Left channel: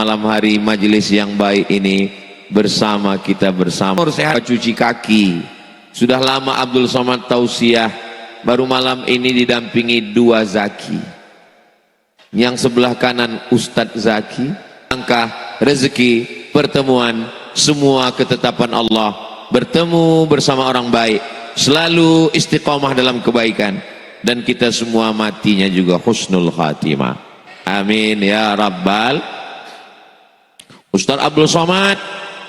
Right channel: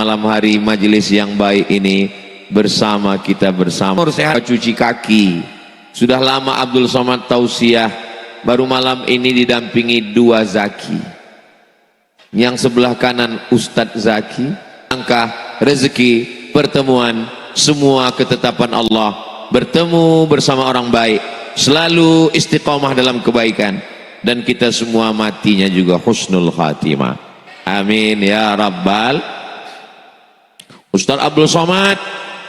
malam hari majelis yang baik ini bersama kita bersama. Sehat cuci kaki. Sudah lama Abdul Somad tausiah, baru malam ini didampingi dua zaki. Yang sebelah kanan Ustadz Zaki, angka rezeki, pertemuan, semua ketetapan Allah, bertemu bersama orang baik, selalu istiqomah dalam kebaikan, dan kita semua matinya juga husnul khatimah. Amin ya rabbal. Ustadz Abdul Somad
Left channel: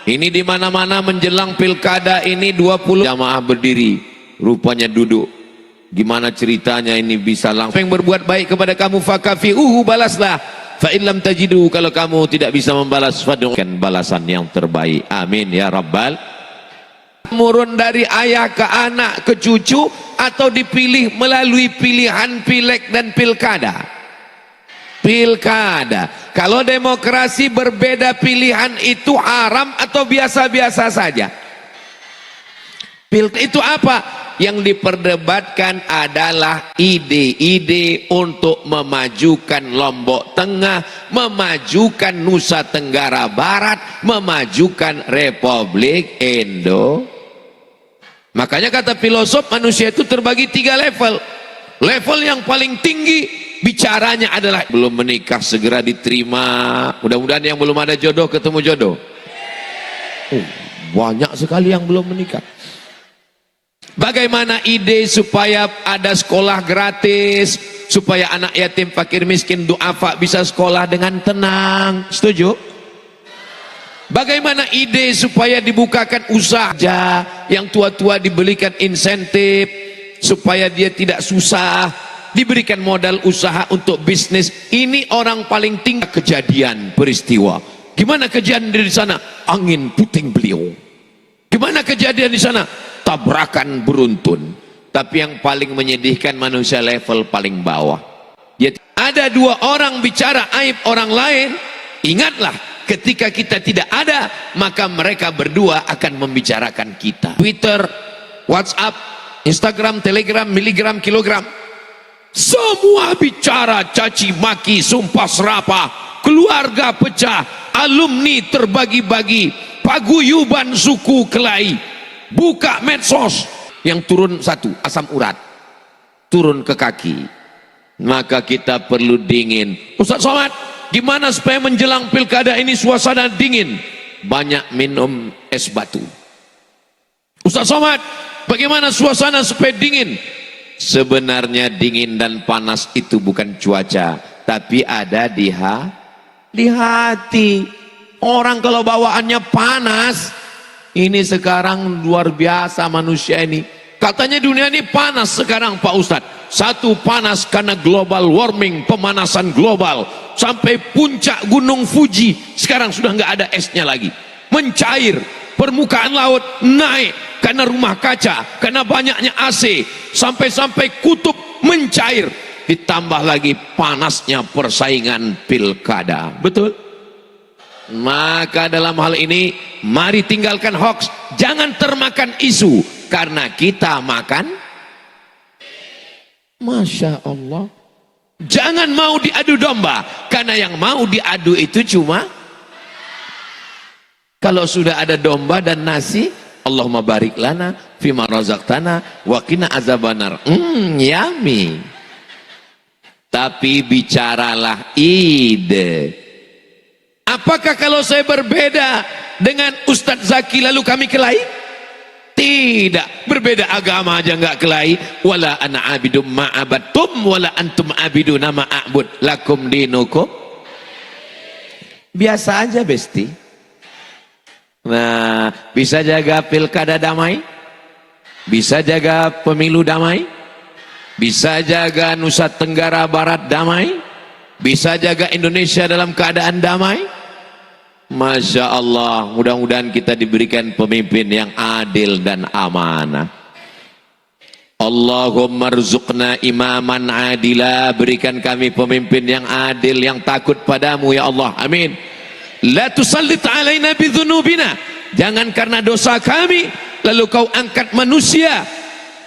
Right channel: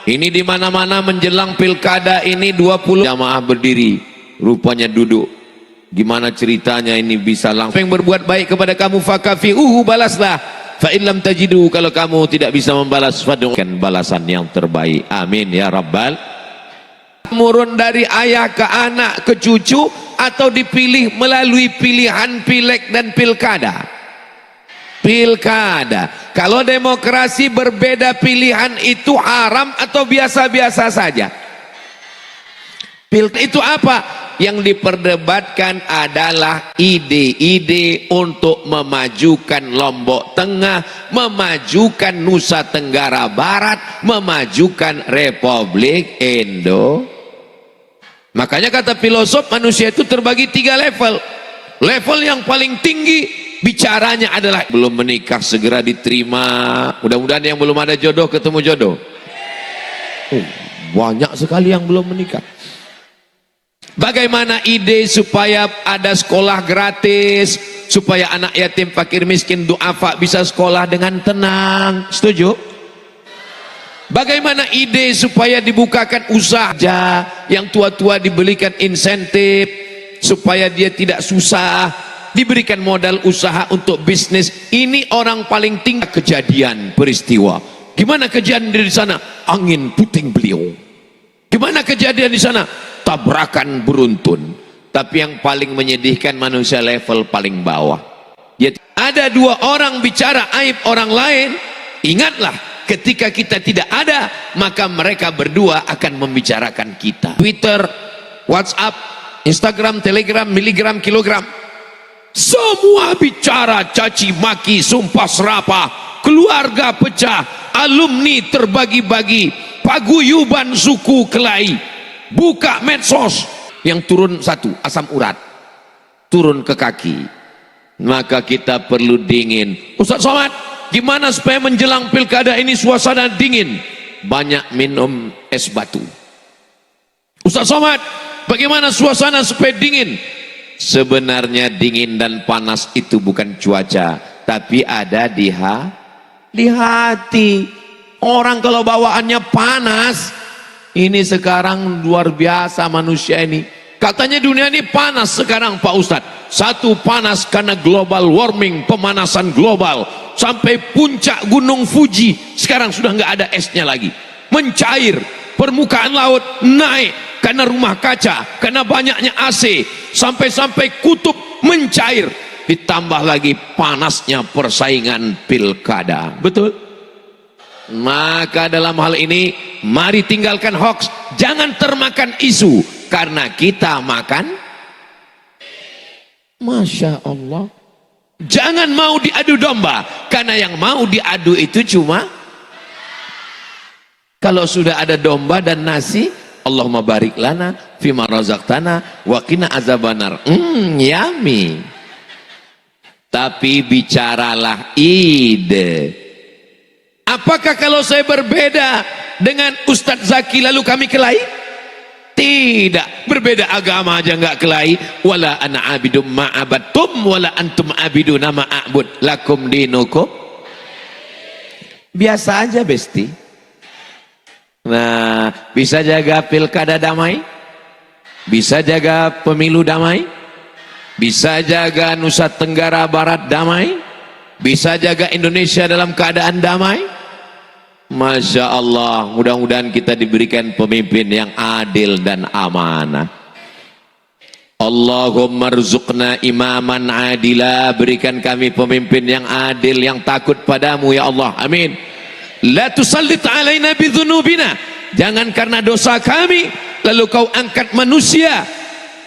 ini di mana-mana menjelang pilkada ini 20 jamaah berdiri, rupanya duduk. Gimana ceritanya ini bisa langsung yang berbuat baik kepada kamu fakafi'uhu, balaslah. Fa in lam tajidu, kalau kamu tidak bisa membalas, fad'ukan balasan yang terbaik. Amin ya rabbal. Murun dari ayah ke anak ke cucu, atau dipilih melalui pilihan pileg dan pilkada. Pilkada, kalau demokrasi berbeda pilihan itu haram atau biasa-biasa saja? Itu apa? Yang diperdebatkan adalah ide-ide untuk memajukan Lombok Tengah, memajukan Nusa Tenggara Barat, memajukan Republik Indo. Makanya kata filosof, manusia itu terbagi 3 level. Level yang paling tinggi bicaranya adalah belum menikah segera diterima. Mudah-mudahan yang belum ada jodoh ketemu jodoh. Banyak sekali yang belum menikah. Bagaimana ide supaya ada sekolah gratis, supaya anak yatim, fakir, miskin, duafa bisa sekolah dengan tenang. Setuju? Bagaimana ide supaya dibukakan usaha, yang tua-tua dibelikan insentif supaya dia tidak susah, diberikan modal usaha untuk bisnis. Ini orang paling tinggi. Kejadian peristiwa, gimana kejadian di sana? Angin puting beliung. Gimana kejadian di sana? Tabrakan beruntun. Tapi yang paling menyedihkan, manusia level paling bawah. Ada 2 orang bicara aib orang lain. Ingatlah, ketika kita tidak ada, maka mereka berdua akan membicarakan kita. Twitter, WhatsApp, Instagram, Telegram, miligram, kilogram, semua bicara caci maki, sumpah serapah, keluarga pecah, alumni terbagi-bagi, paguyuban suku kelahi. Buka medsos, yang turun 1 asam urat, turun ke kaki. Maka kita perlu dingin. Ustaz Somad, gimana supaya menjelang pilkada ini suasana dingin? Banyak minum es batu. Ustaz Somad, bagaimana suasana supaya dingin? Sebenarnya dingin dan panas itu bukan cuaca, tapi ada di hati. Orang kalau bawaannya panas, ini sekarang luar biasa manusia ini. Katanya dunia ini panas sekarang Pak Ustadz. 1 panas karena global warming, pemanasan global. Sampai puncak gunung Fuji sekarang sudah nggak ada esnya lagi. Mencair, permukaan laut naik karena rumah kaca, karena banyaknya AC. Sampai-sampai kutub mencair. Ditambah lagi panasnya persaingan pilkada. Betul? Maka dalam hal ini, mari tinggalkan hoax. Jangan termakan isu, karena kita makan. Masya Allah. Jangan mau diadu domba, karena yang mau diadu itu cuma. Kalau sudah ada domba dan nasi, Allahumma barik lana fima razaqtana wa qina azabannar. Yummy. Tapi bicaralah ide. Apakah kalau saya berbeda dengan Ustadz Zaki lalu kami kelahi? Tidak, berbeda agama aja nggak kelahi. Wala ana abidum ma'abattum wala antum abiduna ma'abud lakum dinukum. Biasa aja besti. Nah, bisa jaga pilkada damai, bisa jaga pemilu damai, bisa jaga Nusa Tenggara Barat damai, bisa jaga Indonesia dalam keadaan damai. Masya Allah, mudah-mudahan kita diberikan pemimpin yang adil dan amanah. Allahumma rzuqna imaman adila, berikan kami pemimpin yang adil, yang takut padamu ya Allah, amin. La tusallit alaina bidzunubina, jangan karena dosa kami lalu kau angkat manusia.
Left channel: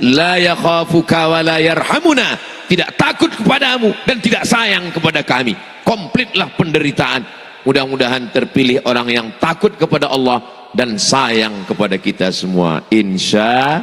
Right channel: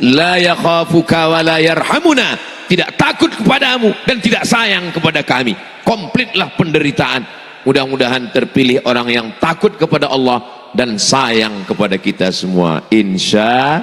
La yakhafuka wa la yarhamuna, tidak takut kepadamu dan tidak sayang kepada kami. Komplitlah penderitaan. Mudah-mudahan terpilih orang yang takut kepada Allah dan sayang kepada kita semua, insya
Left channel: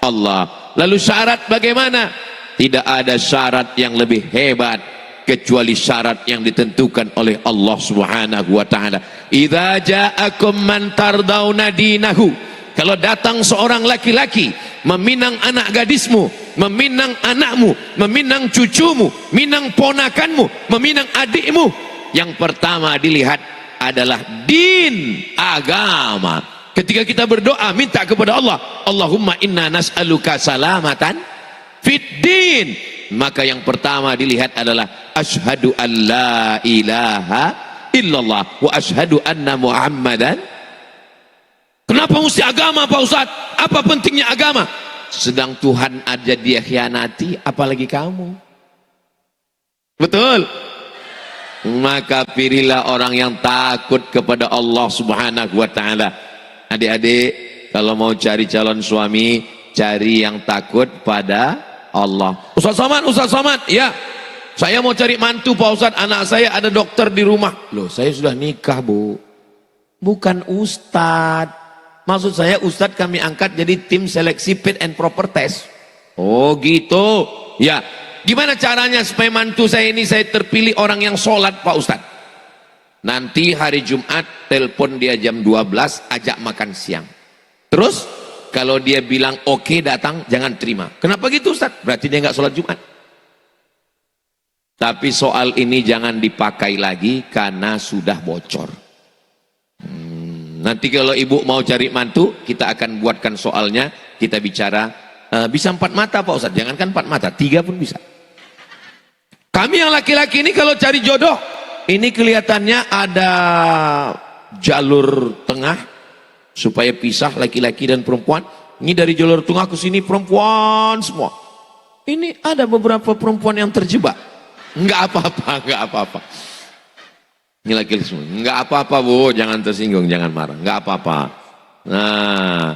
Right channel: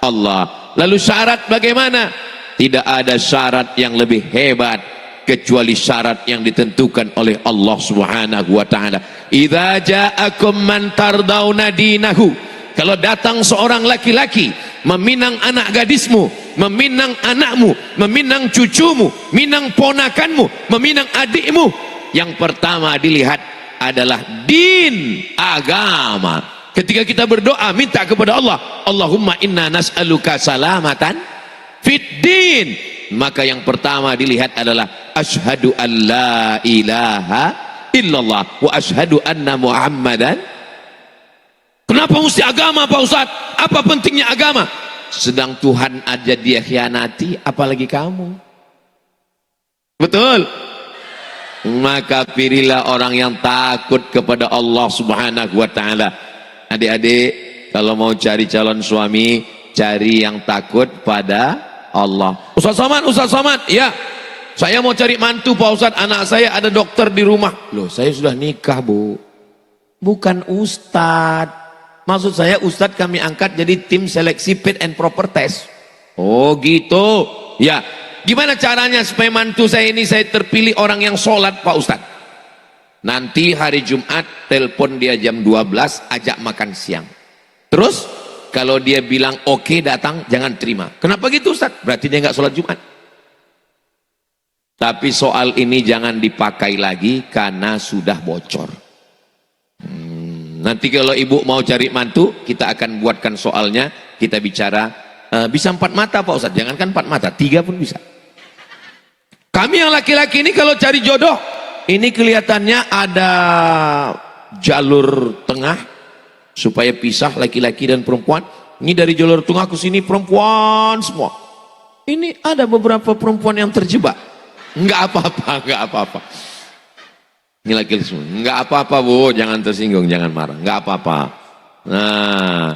Allah. Lalu syarat bagaimana? Tidak ada syarat yang lebih hebat kecuali syarat yang ditentukan oleh Allah Subhanahu wa taala. Idza ja'akum man tardawna dinahu. Kalau datang seorang laki-laki meminang anak gadismu, meminang anakmu, meminang cucumu, meminang ponakanmu, meminang adikmu, yang pertama dilihat adalah din, agama. Ketika kita berdoa minta kepada Allah, Allahumma inna nas'aluka salamatan fid din, maka yang pertama dilihat adalah asyhadu an la ilaha illallah wa asyhadu anna muhammadan. Kenapa mesti agama Pak Ustaz? Apa pentingnya agama? Sedang Tuhan aja dia khianati, apalagi kamu. Betul? Maka pilihlah orang yang takut kepada Allah Subhanahu wa taala. Adik-adik, kalau mau cari calon suami, cari yang takut pada Allah. Ustaz Somad, ya. Saya mau cari mantu Pak Ustaz, anak saya ada dokter di rumah. Loh, saya sudah nikah, Bu. Bukan Ustaz. Maksud saya Ustaz kami angkat jadi tim seleksi fit and proper test. Oh gitu. Ya. Gimana caranya supaya mantu saya ini saya terpilih orang yang sholat Pak Ustaz? Nanti hari Jumat telepon dia jam 12, ajak makan siang. Terus kalau dia bilang oke datang, jangan terima. Kenapa gitu Ustaz? Berarti dia nggak sholat Jumat. Tapi soal ini jangan dipakai lagi karena sudah bocor. Nanti kalau ibu mau cari mantu, kita akan buatkan soalnya, kita bicara. Bisa 4 mata Pak Ustaz, jangankan 4 mata, 3 pun bisa. Kami yang laki-laki ini kalau cari jodoh, ini kelihatannya ada jalur tengah supaya pisah laki-laki dan perempuan. Ini dari jalur tengah ke sini perempuan semua. Ini ada beberapa perempuan yang terjebak. Enggak apa-apa. Ini laki-laki semua. Enggak apa-apa Bu, jangan tersinggung, jangan marah. Enggak apa-apa. Nah,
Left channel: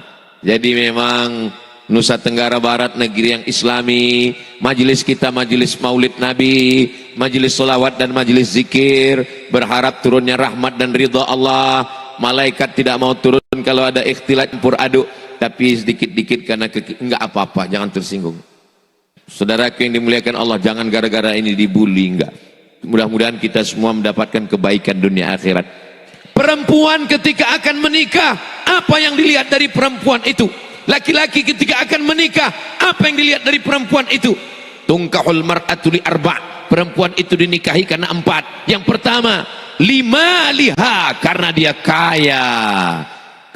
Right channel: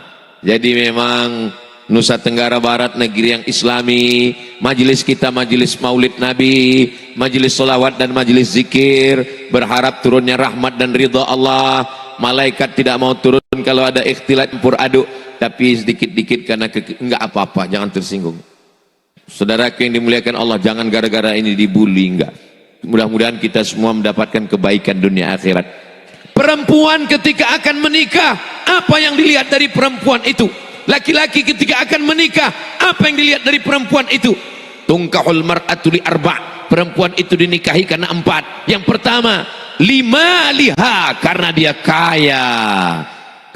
jadi memang Nusa Tenggara Barat negeri yang islami, majelis kita majelis maulid Nabi, majelis selawat dan majelis zikir, berharap turunnya rahmat dan ridha Allah. Malaikat tidak mau turun kalau ada ikhtilat campur aduk, tapi sedikit-dikit karena enggak apa-apa, jangan tersinggung. Saudaraku yang dimuliakan Allah, jangan gara-gara ini dibully, enggak. Mudah-mudahan kita semua mendapatkan kebaikan dunia akhirat. Perempuan ketika akan menikah, apa yang dilihat dari perempuan itu? Laki-laki ketika akan menikah, apa yang dilihat dari perempuan itu? Tungkahul mar'atu li arba'. Perempuan itu dinikahi karena 4. Yang pertama, liha, karena dia kaya.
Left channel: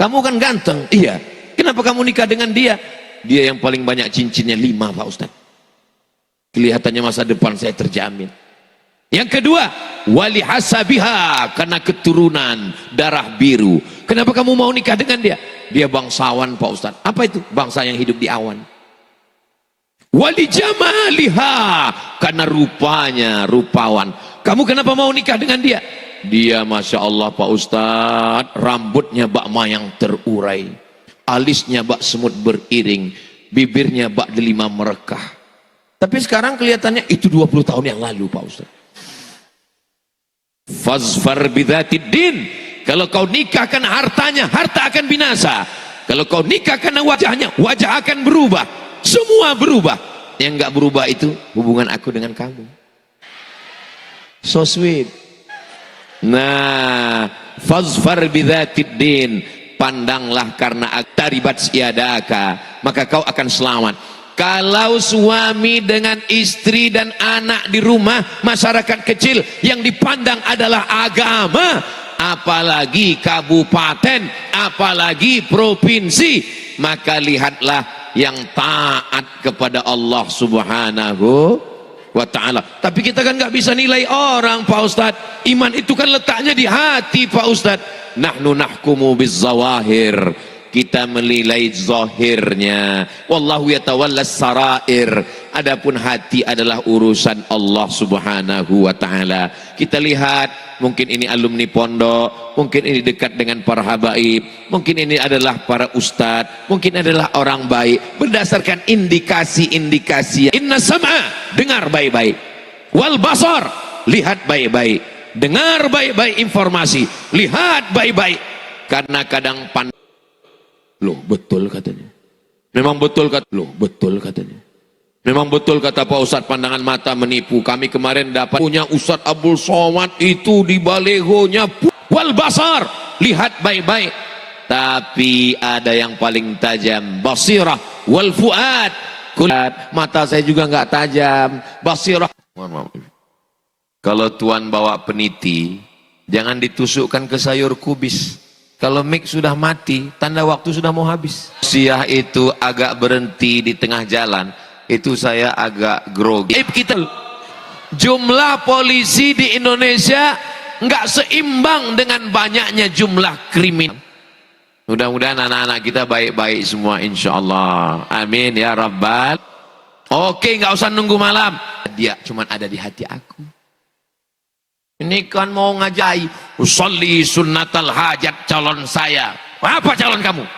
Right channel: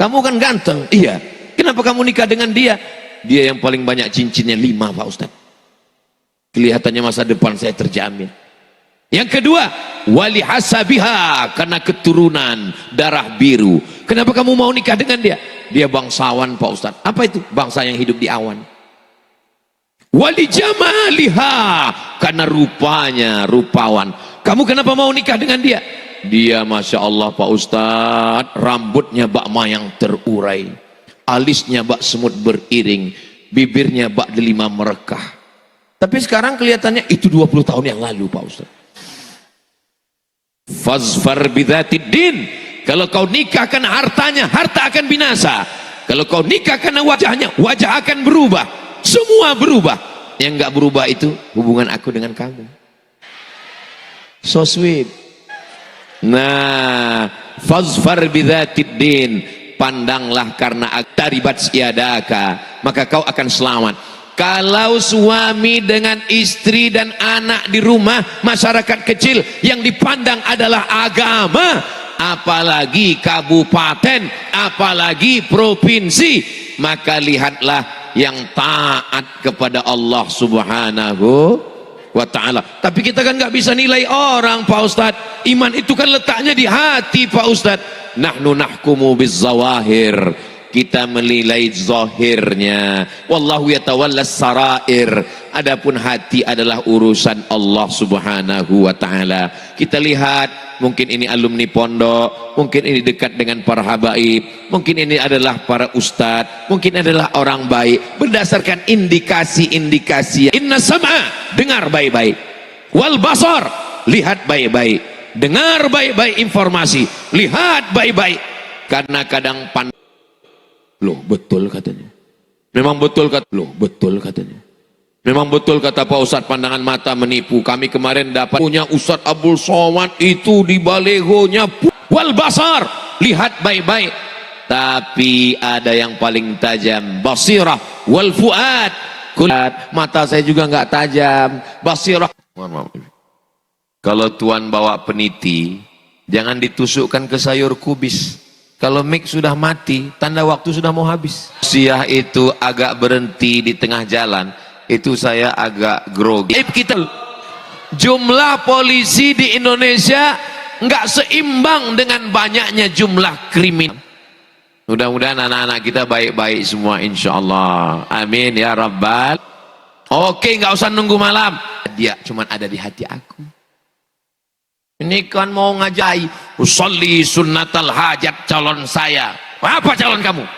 Kamu kan ganteng, iya. Kenapa kamu nikah dengan dia? Dia yang paling banyak cincinnya 5 Pak Ustaz. Kelihatannya masa depan saya terjamin. Yang kedua, wali hasabiha, karena keturunan darah biru. Kenapa kamu mau nikah dengan dia? Dia bangsawan Pak Ustaz. Apa itu? Bangsa yang hidup di awan. Wali jamaliha, karena rupanya rupawan. Kamu kenapa mau nikah dengan dia? Dia Masya Allah Pak Ustaz, rambutnya bak mayang terurai, alisnya bak semut beriring, bibirnya bak delima merekah. Tapi sekarang kelihatannya itu 20 tahun yang lalu Pak Ustaz. Fazfar bidzatid din. Kalau kau nikah karena hartanya, harta akan binasa. Kalau kau nikah karena wajahnya, wajah akan berubah. Semua berubah. Yang enggak berubah itu hubungan aku dengan kamu. So sweet. Nah, fazfar bidzatid din. Pandanglah karena taribat siadaka, maka kau akan selamat. Kalau suami dengan istri dan anak di rumah, masyarakat kecil yang dipandang adalah agama, apalagi kabupaten, apalagi provinsi, maka lihatlah yang taat kepada Allah Subhanahu wa ta'ala. Tapi kita kan nggak bisa nilai orang Pak Ustadz. Iman itu kan letaknya di hati Pak Ustadz. Nahnu nahkumu bizzawahir, kita menilai zahirnya. Wallahu yatawallas sarair. Adapun hati adalah urusan Allah Subhanahu wa taala. Kita lihat, mungkin ini alumni pondok, mungkin ini dekat dengan para habaib, mungkin ini adalah para ustadz, mungkin adalah orang baik, berdasarkan indikasi-indikasi. Inna sam'a, dengar baik-baik. Wal basar, lihat baik-baik. dengar baik-baik informasi, lihat baik-baik, karena kadang loh betul katanya, memang betul katanya, memang betul kata Pak Ustadz, pandangan mata menipu. Kami kemarin dapat punya Ustadz Abdul Somad itu di balehonya wal basar, lihat baik-baik, tapi ada yang paling tajam, basirah wal fuad. Mata saya juga nggak tajam, basirah. Kalau tuan bawa peniti, jangan ditusukkan ke sayur kubis. Kalau mic sudah mati, tanda waktu sudah mau habis. Siah itu agak berhenti di tengah jalan, itu saya agak grogi. Kita jumlah polisi di Indonesia nggak seimbang dengan banyaknya jumlah kriminal. Mudah-mudahan anak-anak kita baik-baik semua, insya Allah. Amin ya Rabbal. Oke, nggak usah nunggu malam. Dia cuma ada di hati aku. Ini kan mau ngajai usolli sunnatal hajat calon saya. Apa calon kamu?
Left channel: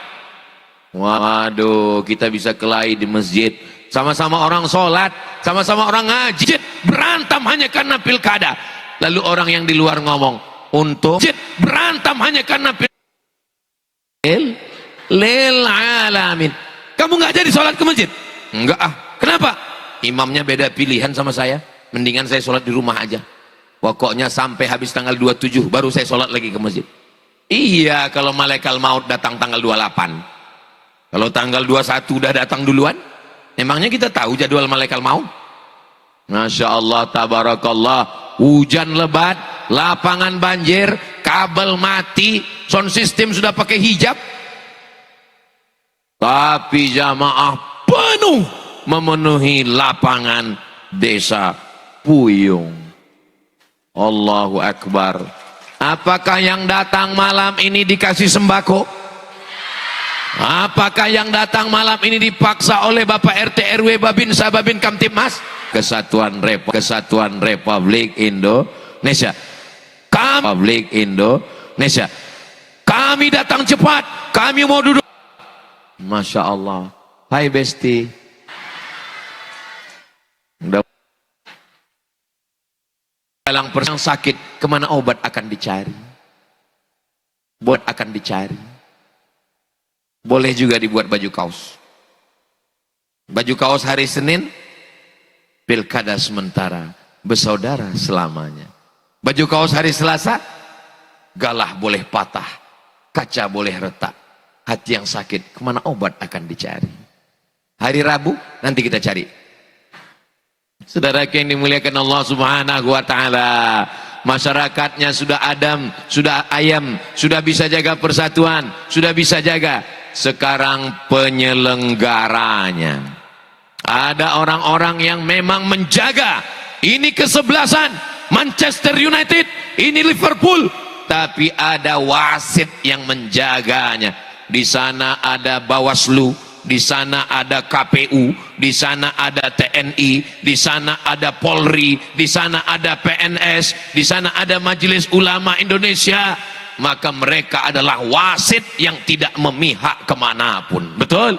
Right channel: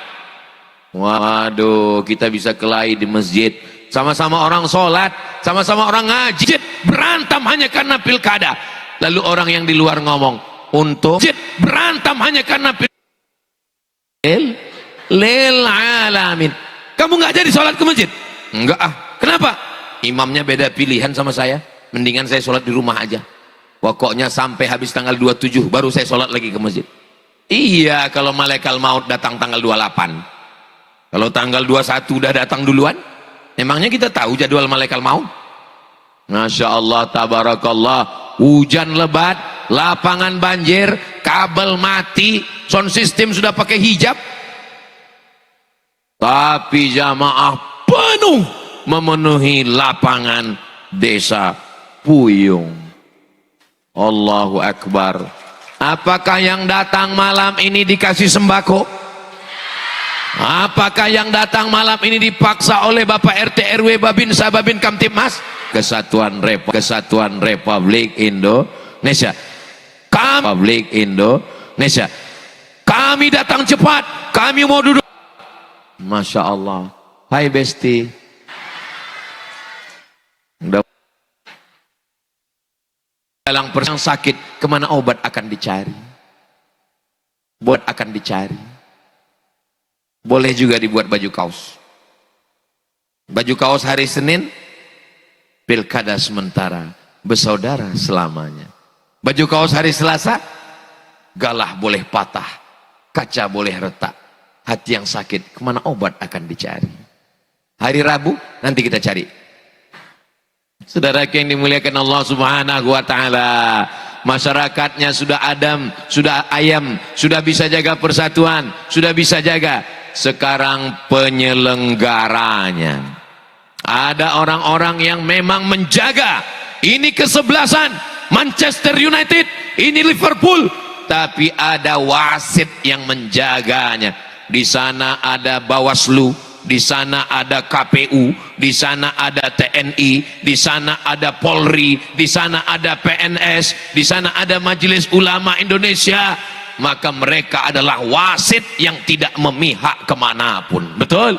Waduh, kita bisa kelahi di masjid. Sama-sama orang sholat, sama-sama orang ngaji. Berantem hanya karena pilkada. Lalu orang yang di luar ngomong, untuk berantem hanya karena pilkada. Lil alamin. Kamu nggak jadi sholat ke masjid? Enggak ah. Kenapa? Imamnya beda pilihan sama saya. Mendingan saya sholat di rumah aja. Pokoknya sampai habis tanggal 27 baru saya sholat lagi ke masjid. Iya, kalau malaikat maut datang tanggal 28. Kalau tanggal 21 udah datang duluan, emangnya kita tahu jadwal malaikat maut? Masya Allah, tabarakallah. Hujan lebat, lapangan banjir, kabel mati, sound system sudah pakai hijab, tapi jamaah penuh memenuhi lapangan desa Puyung. Allahu Akbar. Apakah yang datang malam ini dikasih sembako? Apakah yang datang malam ini dipaksa oleh Bapak RT RW Babinsa Babin Kamtibmas? Kesatuan Republik Indonesia. Republik Indonesia. Kami datang cepat, kami mau duduk. Masya Allah. Hai Besti. Dalam perang sakit, kemana obat akan dicari? Obat akan dicari. Boleh juga dibuat baju kaos. Baju kaos hari Senin, pilkada sementara, bersaudara selamanya. Baju kaos hari Selasa, galah boleh patah, kaca boleh retak, hati yang sakit, kemana obat akan dicari? Hari Rabu, nanti kita cari. Saudara yang dimuliakan Allah Subhanahu wa Ta'ala, masyarakatnya sudah adem, sudah ayam, sudah bisa jaga persatuan, sudah bisa jaga. Sekarang penyelenggaranya, ada orang-orang yang memang menjaga. Ini kesebelasan Manchester United, ini Liverpool, tapi ada wasit yang menjaganya. Di sana ada Bawaslu, di sana ada KPU, di sana ada TNI, di sana ada Polri, di sana ada PNS, di sana ada Majelis Ulama Indonesia. Maka mereka adalah wasit yang tidak memihak kemanapun. Betul?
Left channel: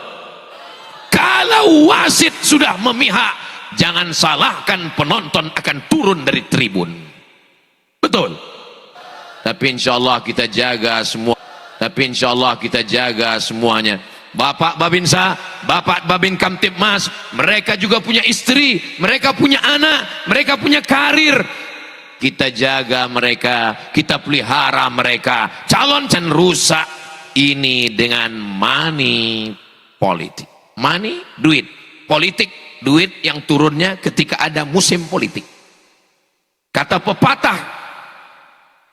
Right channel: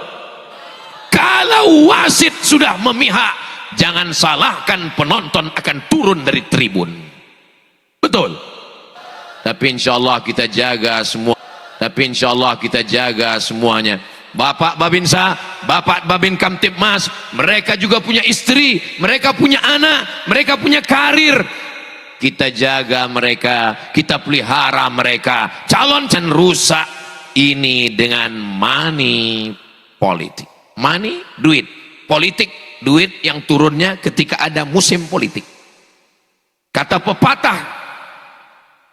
Kalau wasit sudah memihak, jangan salahkan penonton akan turun dari tribun. Betul? Tapi insya Allah kita jaga semua. Tapi insya Allah kita jaga semuanya. Bapak Babinsa, Bapak Babin Kamtibmas, mereka juga punya istri, mereka punya anak, mereka punya karir. Kita jaga mereka, kita pelihara mereka. Calon dan rusak ini dengan money politik. Money, duit. Politik, duit yang turunnya ketika ada musim politik. Kata pepatah,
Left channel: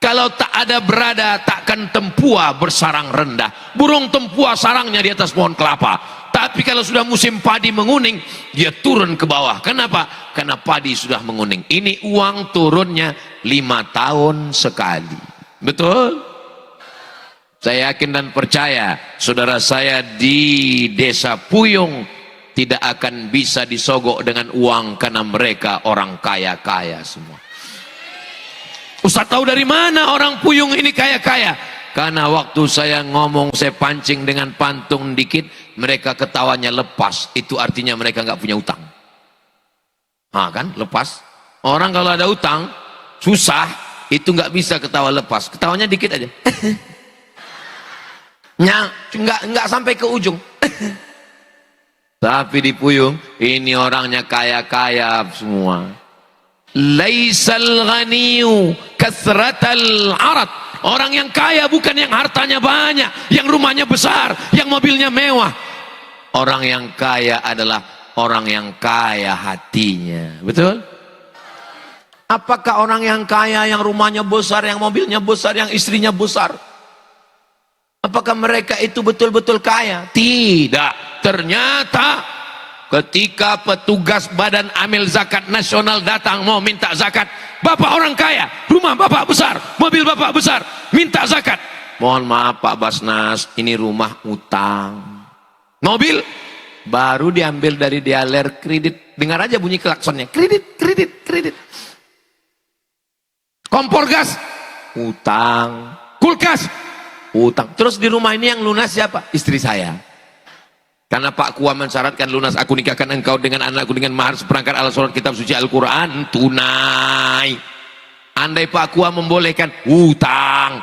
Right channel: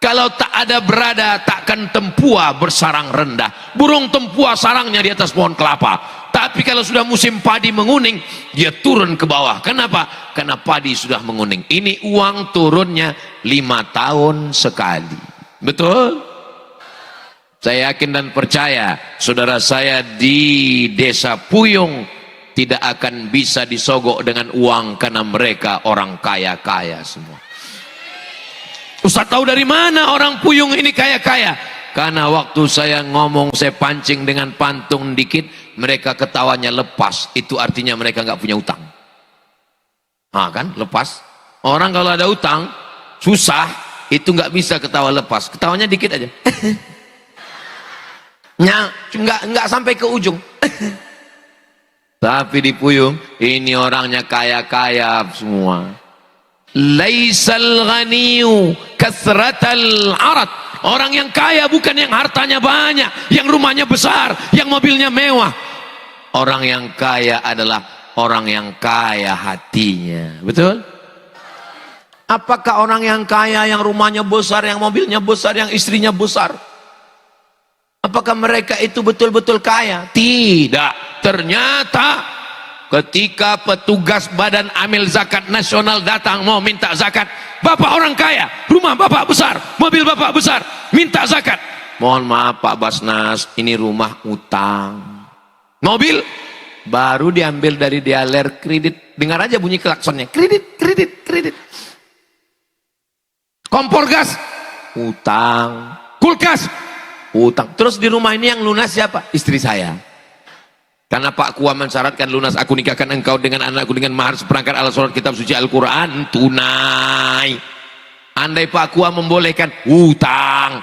kalau tak ada berada, takkan tempua bersarang rendah. Burung tempua sarangnya di atas pohon kelapa. Tapi kalau sudah musim padi menguning, dia turun ke bawah. Kenapa? Karena padi sudah menguning. Ini uang turunnya 5 tahun sekali. Betul? Saya yakin dan percaya, saudara saya di desa Puyung tidak akan bisa disogok dengan uang, karena mereka orang kaya-kaya semua. Ustaz tahu dari mana orang Puyung ini kaya-kaya? Karena waktu saya ngomong, saya pancing dengan pantung dikit, mereka ketawanya lepas. Itu artinya mereka nggak punya utang. Nah kan, lepas. Orang kalau ada utang, susah. itu nggak bisa ketawa lepas, ketawanya dikit aja. Nggak sampai ke ujung. Tapi di Puyuh ini orangnya kaya-kaya semua. Laisal ghaniyu kasratal arad. Orang yang kaya bukan yang hartanya banyak, yang rumahnya besar, yang mobilnya mewah. Orang yang kaya adalah orang yang kaya hatinya. Betul? Apakah orang yang kaya, yang rumahnya besar, yang mobilnya besar, yang istrinya besar, apakah mereka itu betul-betul kaya? Tidak. Ternyata ketika petugas Badan Amil Zakat Nasional datang mau minta zakat, bapak orang kaya, rumah bapak besar, mobil bapak besar, minta zakat. Mohon maaf Pak Basnas, ini rumah utang. Mobil baru diambil dari dealer kredit. Dengar aja bunyi klaksonnya, kredit, kredit, kredit. Kompor gas, utang. Kulkas, utang. Terus di rumah ini yang lunas siapa? Istri saya. Karena Pak Kua mensyaratkan lunas aku nikahkan engkau dengan anakku dengan mahar seperangkat alat sholat kitab suci Al-Quran tunai. Andai Pak Kua membolehkan hutang,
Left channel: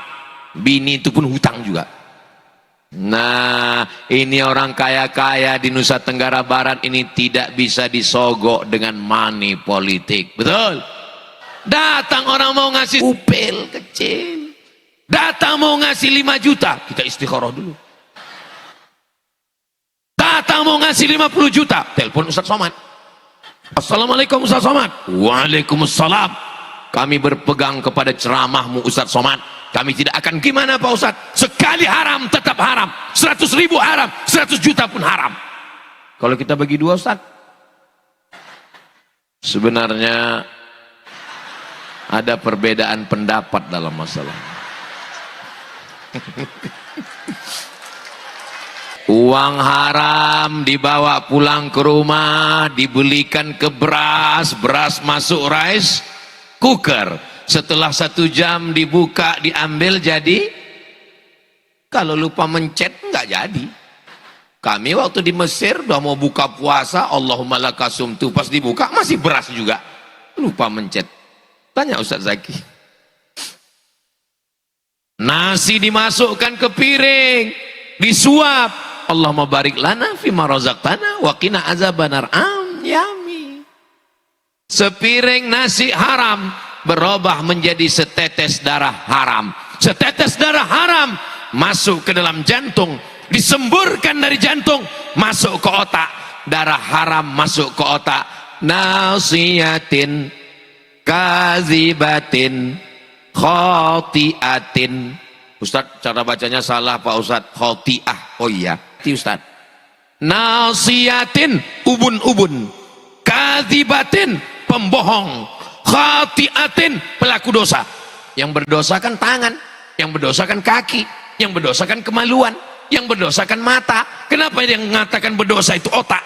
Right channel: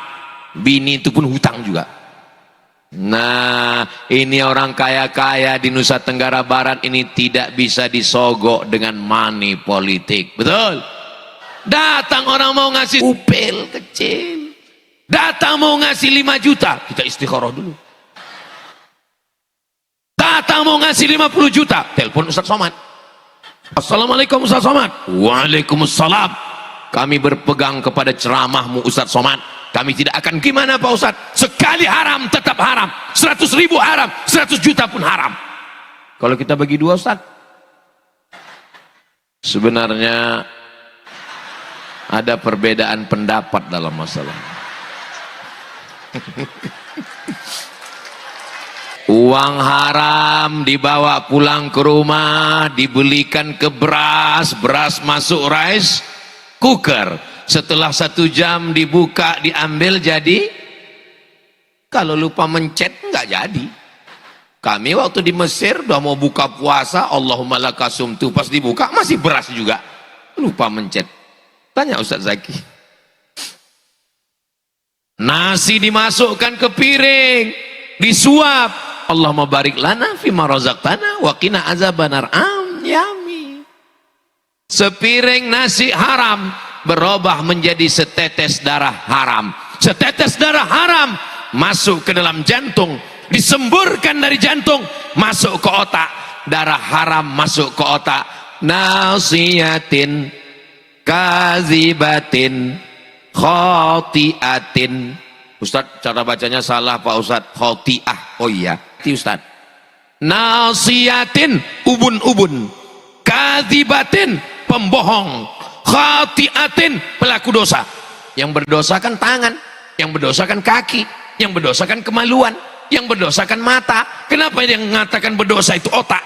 bini itu pun hutang juga. Nah ini orang kaya-kaya di Nusa Tenggara Barat ini tidak bisa disogok dengan money politik. Betul? Datang orang mau ngasih upil kecil, datang mau ngasih 5 juta, kita istikharah dulu. Datang mau ngasih 50 juta, telepon Ustaz Somad. Assalamualaikum Ustaz Somad. Waalaikumsalam. Kami berpegang kepada ceramahmu Ustaz Somad. Kami tidak akan gimana Pak Ustaz. Sekali haram tetap haram. 100.000 haram, 100 juta pun haram. Kalau kita bagi 2 Ustaz, sebenarnya ada perbedaan pendapat dalam masalah. Uang haram dibawa pulang ke rumah, dibelikan ke beras, beras masuk rice cooker. Setelah 1 jam dibuka, diambil jadi. Kalau lupa mencet nggak jadi. Kami waktu di Mesir udah mau buka puasa, Allahumma lakasumtu, pas dibuka masih beras juga. Lupa mencet. Tanya Ustaz Zaki. Nasi dimasukkan ke piring, disuap. Allahumma barik lana fima razaqtana wa qina azabannar. Yami. Sepiring nasi haram berubah menjadi setetes darah haram. Setetes darah haram masuk ke dalam jantung, disemburkan dari jantung masuk ke otak. Darah haram masuk ke otak. Nasiyatin kazibatin khotiatin. Ustaz, cara bacanya salah Pak Ustaz. Khotiah. Oh iya, Ustaz. Nasiyatin, ubun-ubun. Kadzibatin, pembohong. Khotiatin, pelaku dosa. Yang berdosa kan tangan, yang berdosa kan kaki, yang berdosa kan kemaluan, yang berdosa kan mata. Kenapa yang mengatakan berdosa itu otak?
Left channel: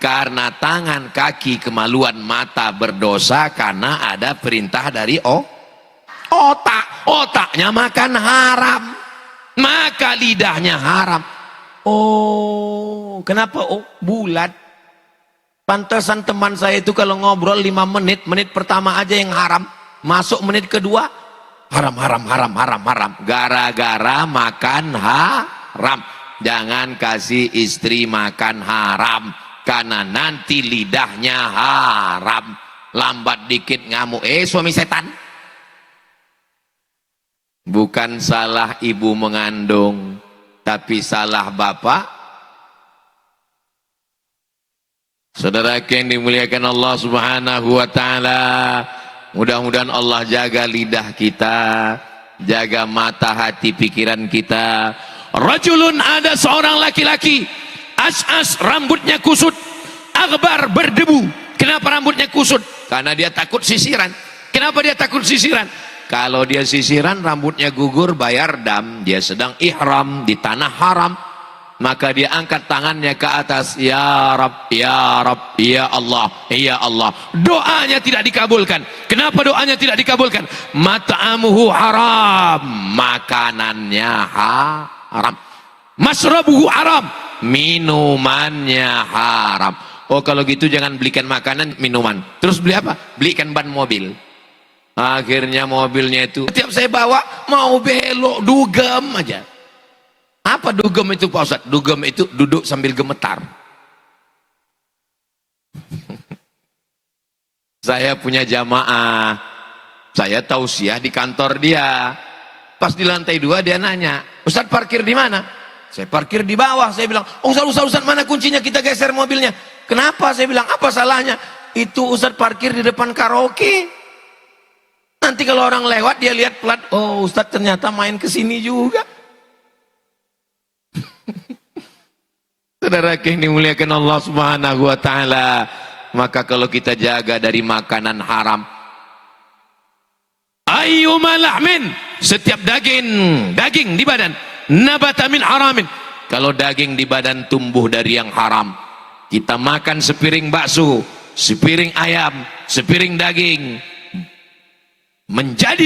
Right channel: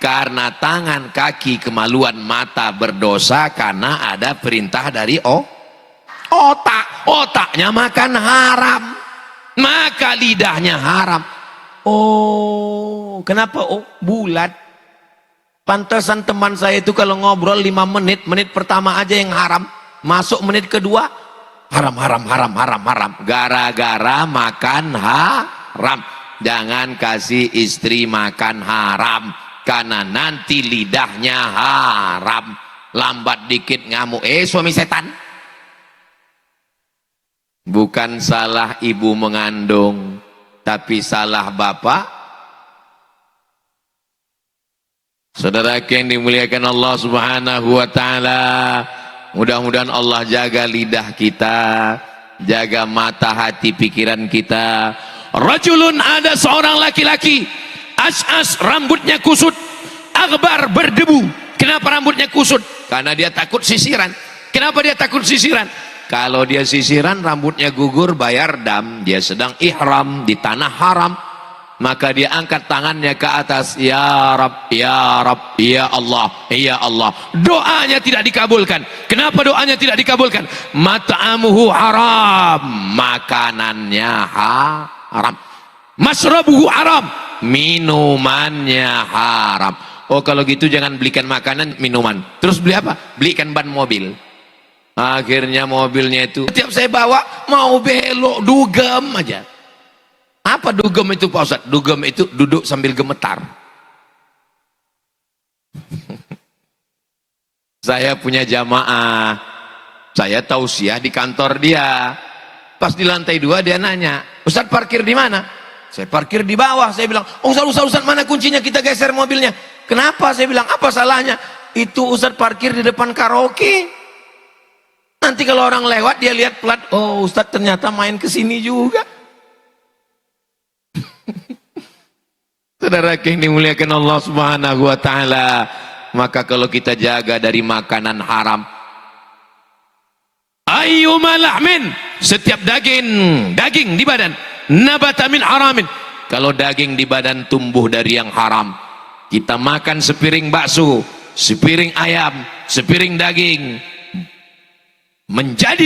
Karena tangan, kaki, kemaluan, mata berdosa karena ada perintah dari otak. Otaknya makan haram, maka lidahnya haram. Oh, kenapa? Oh, bulat. Pantesan teman saya itu kalau ngobrol 5 menit, menit pertama aja yang haram, masuk menit kedua haram. Gara-gara makan haram. Jangan kasih istri makan haram, karena nanti lidahnya haram. Lambat dikit ngamuk, suami setan. Bukan salah ibu mengandung, tapi salah bapak. Saudara yang dimuliakan Allah Subhanahu wa taala, mudah-mudahan Allah jaga lidah kita, jaga mata hati pikiran kita. Rajulun, ada seorang laki-laki, as'as, rambutnya kusut, akbar, berdebu. Kenapa rambutnya kusut? Karena dia takut sisiran. Kenapa dia takut sisiran? Kalau dia sisiran rambutnya gugur, bayar dam. Dia sedang ihram di tanah haram, maka dia angkat tangannya ke atas, ya Rab, ya Rab, ya Allah, ya Allah. Doanya tidak dikabulkan. Kenapa doanya tidak dikabulkan? Mat'amuhu haram, makanannya haram. Masrabuhu haram, minumannya haram. Oh, kalau gitu jangan belikan makanan, minuman. Terus beli apa? Belikan ban mobil. Akhirnya mobilnya itu, setiap saya bawa mau belok, dugem aja. Apa dugem itu Pak Ustadz? Dugem itu duduk sambil gemetar. Saya punya jamaah, saya tausiah di kantor dia. Pas di lantai 2 dia nanya, Ustadz parkir di mana? Saya parkir di bawah. Saya bilang, oh Ustadz mana kuncinya, kita geser mobilnya. Kenapa? Saya bilang, apa salahnya? Itu Ustadz parkir di depan karaoke. Nanti kalau orang lewat dia lihat plat, oh Ustadz ternyata main ke sini juga. Saudara yang dimuliakan Allah Subhanahu wa taala, maka kalau kita jaga dari makanan haram, ayyuma lahmin, setiap daging di badan, nabata min haramin, kalau daging di badan tumbuh dari yang haram, kita makan sepiring bakso, sepiring ayam, sepiring daging, menjadi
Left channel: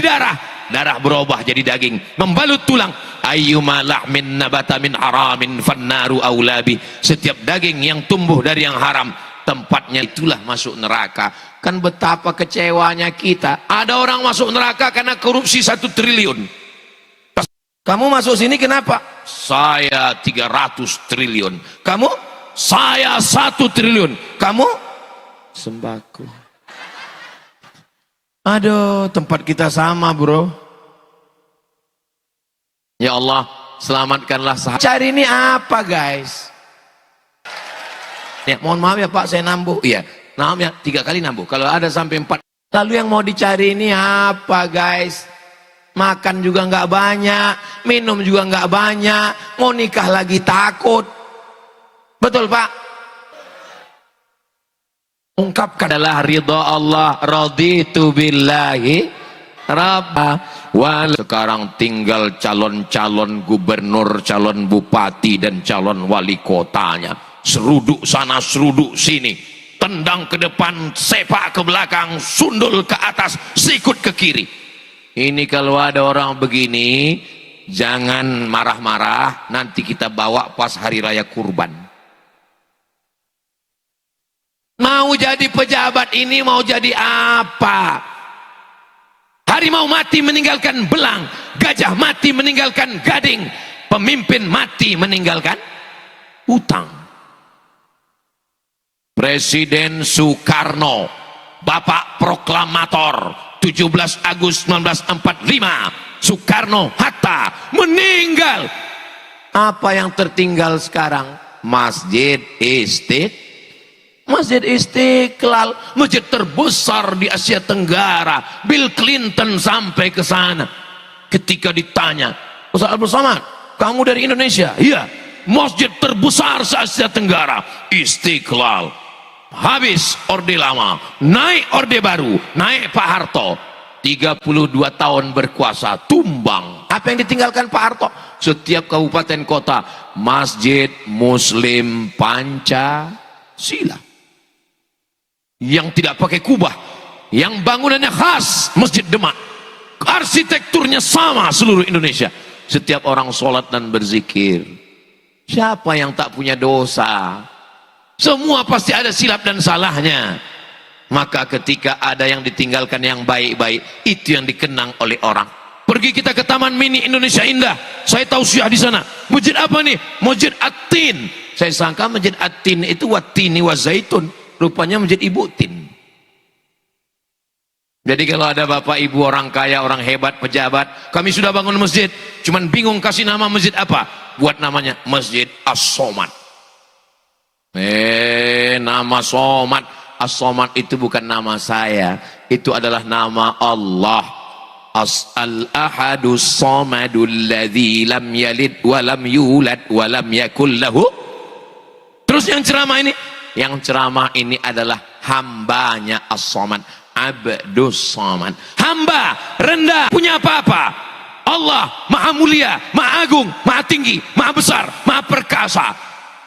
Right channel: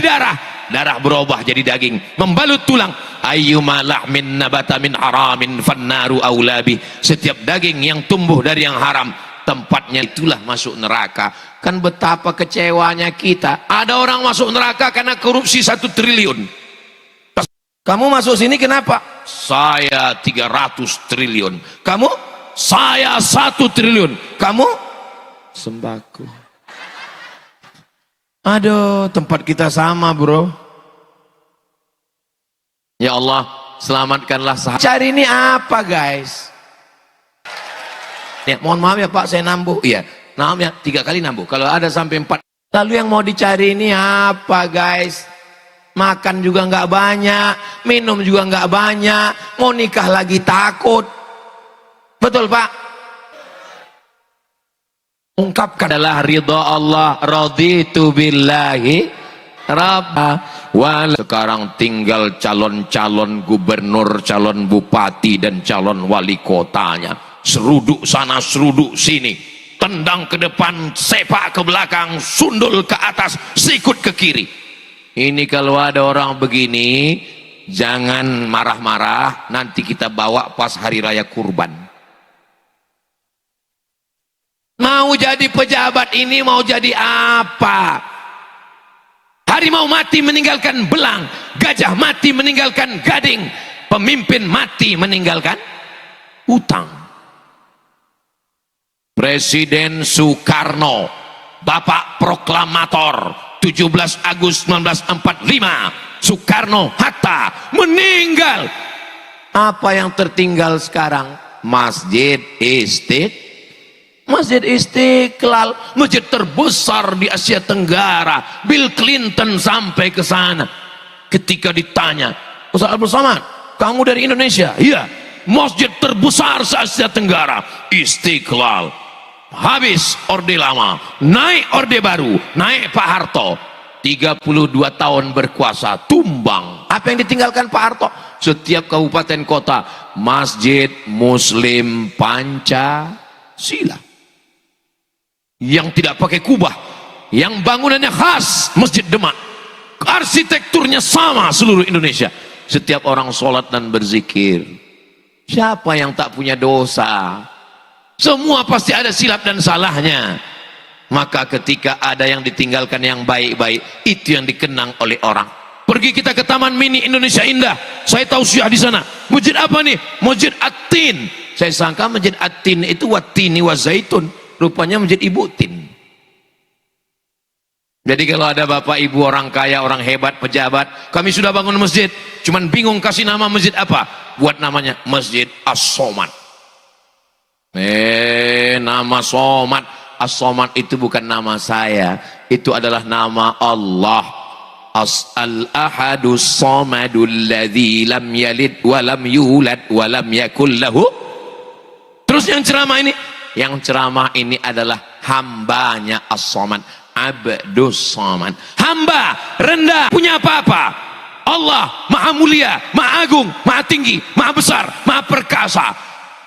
darah berubah jadi daging, membalut tulang. Ayyuma lahmin nabata min haramin fannaru aulabi, setiap daging yang tumbuh dari yang haram, tempatnya itulah masuk neraka. Kan betapa kecewanya kita, ada orang masuk neraka karena korupsi 1 triliun. Kamu masuk sini kenapa? Saya 300 triliun. Kamu? Saya 1 triliun. Kamu? Sembako. Aduh, tempat kita sama bro. Ya Allah, selamatkanlah sahabat. Cari ini apa guys? Ya, mohon maaf ya Pak, saya nambuh. Iya, maaf ya, 3 kali nambuh. Kalau ada sampai 4. Lalu yang mau dicari ini apa guys? Makan juga nggak banyak, minum juga nggak banyak, mau nikah lagi takut. Betul Pak? Ungkapkan adalah ridha Allah, raditu billahi rabba. Sekarang tinggal calon-calon gubernur, calon bupati dan calon wali kotanya. Seruduk sana, seruduk sini, tendang ke depan, sepak ke belakang, sundul ke atas, sikut ke kiri. Ini kalau ada orang begini, jangan marah-marah, nanti kita bawa pas hari raya kurban. Mau jadi pejabat ini, mau jadi apa? Harimau mati meninggalkan belang, gajah mati meninggalkan gading, pemimpin mati meninggalkan hutang. Presiden Soekarno, Bapak Proklamator, 17 Agustus 1945, Soekarno-Hatta meninggal. Apa yang tertinggal sekarang? Masjid Istiqlal, masjid terbesar di Asia Tenggara. Bill Clinton sampai ke sana. Ketika ditanya, Ustaz Abdul Somad, kamu dari Indonesia? Iya. Masjid terbesar se Asia Tenggara, Istiqlal. Habis Orde Lama, naik Orde Baru, naik Pak Harto. 32 tahun berkuasa, tumbang. Apa yang ditinggalkan Pak Harto? Setiap kabupaten kota, masjid Muslim Pancasila. Yang tidak pakai kubah, yang bangunannya khas Masjid Demak, arsitekturnya sama seluruh Indonesia. Setiap orang sholat dan berzikir. Siapa yang tak punya dosa? Semua pasti ada silap dan salahnya. Maka ketika ada yang ditinggalkan yang baik-baik, itu yang dikenang oleh orang. Pergi kita ke Taman Mini Indonesia Indah, saya tausiah di sana. Masjid apa nih? Masjid At-Tin. Saya sangka Masjid At-Tin itu Wat-Tini wa Zaitun. Rupanya Masjid Ibu Tin. Jadi kalau ada bapak ibu orang kaya, orang hebat, pejabat, kami sudah bangun masjid, cuman bingung kasih nama masjid apa, buat namanya Masjid As-Somad. Nama Somad, As-Somad itu bukan nama saya, itu adalah nama Allah. Al-Ahadus Somadul ladzi lam yalid wa lam yulad wa lam yakul lahu. Terus yang ceramah ini adalah hambanya As-Somad, Abdus Somad. Hamba rendah, punya apa-apa. Allah maha mulia, maha agung, maha tinggi, maha besar, maha perkasa.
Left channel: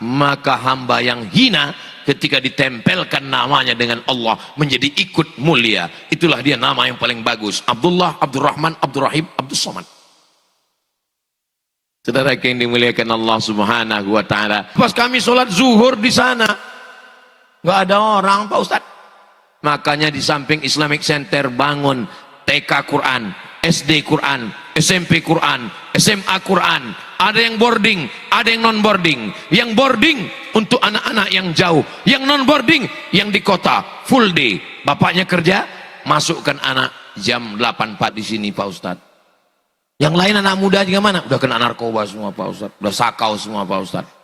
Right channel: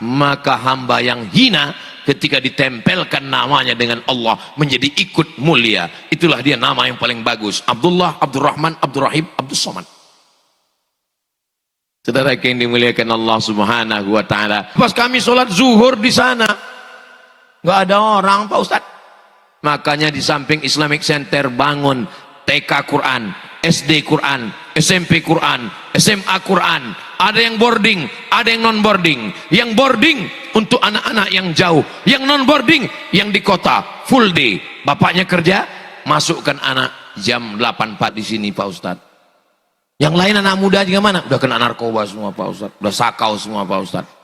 Maka hamba yang hina ketika ditempelkan namanya dengan Allah menjadi ikut mulia. Itulah dia nama yang paling bagus. Abdullah, Abdurrahman, Abdurrahim, Abdus Somad. Saudara yang dimuliakan Allah Subhanahu wa taala. Pas kami sholat zuhur di sana, nggak ada orang Pak Ustadz. Makanya di samping Islamic Center bangun TK Quran, SD Quran, SMP Quran, SMA Quran. Ada yang boarding, ada yang non boarding. Yang boarding untuk anak-anak yang jauh, yang non boarding yang di kota full day. Bapaknya kerja, masukkan anak jam 8.4 di sini Pak Ustadz. Yang lain anak muda juga mana? Udah kena narkoba semua Pak Ustadz, udah sakau semua Pak Ustadz.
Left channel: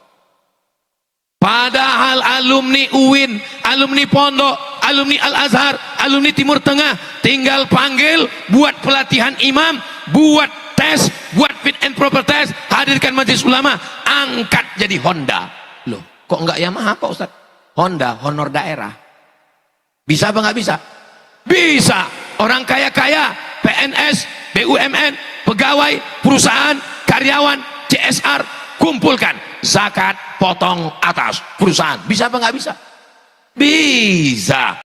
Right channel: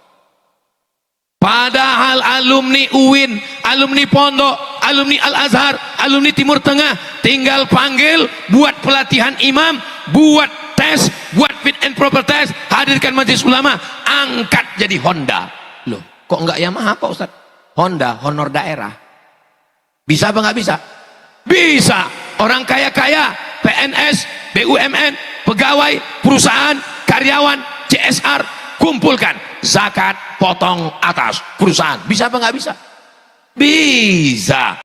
Padahal alumni UIN, alumni Pondok, alumni Al-Azhar, alumni Timur Tengah tinggal panggil, buat pelatihan imam, buat tes, buat fit and proper test, hadirkan majelis ulama, angkat jadi Honda. Loh, kok enggak Yamaha Pak Ustaz? Honda, honor daerah. Bisa apa enggak bisa? Bisa. Orang kaya-kaya, PNS, BUMN, pegawai, perusahaan, karyawan, CSR, kumpulkan zakat, potong atas perusahaan. Bisa apa nggak bisa? Bisa.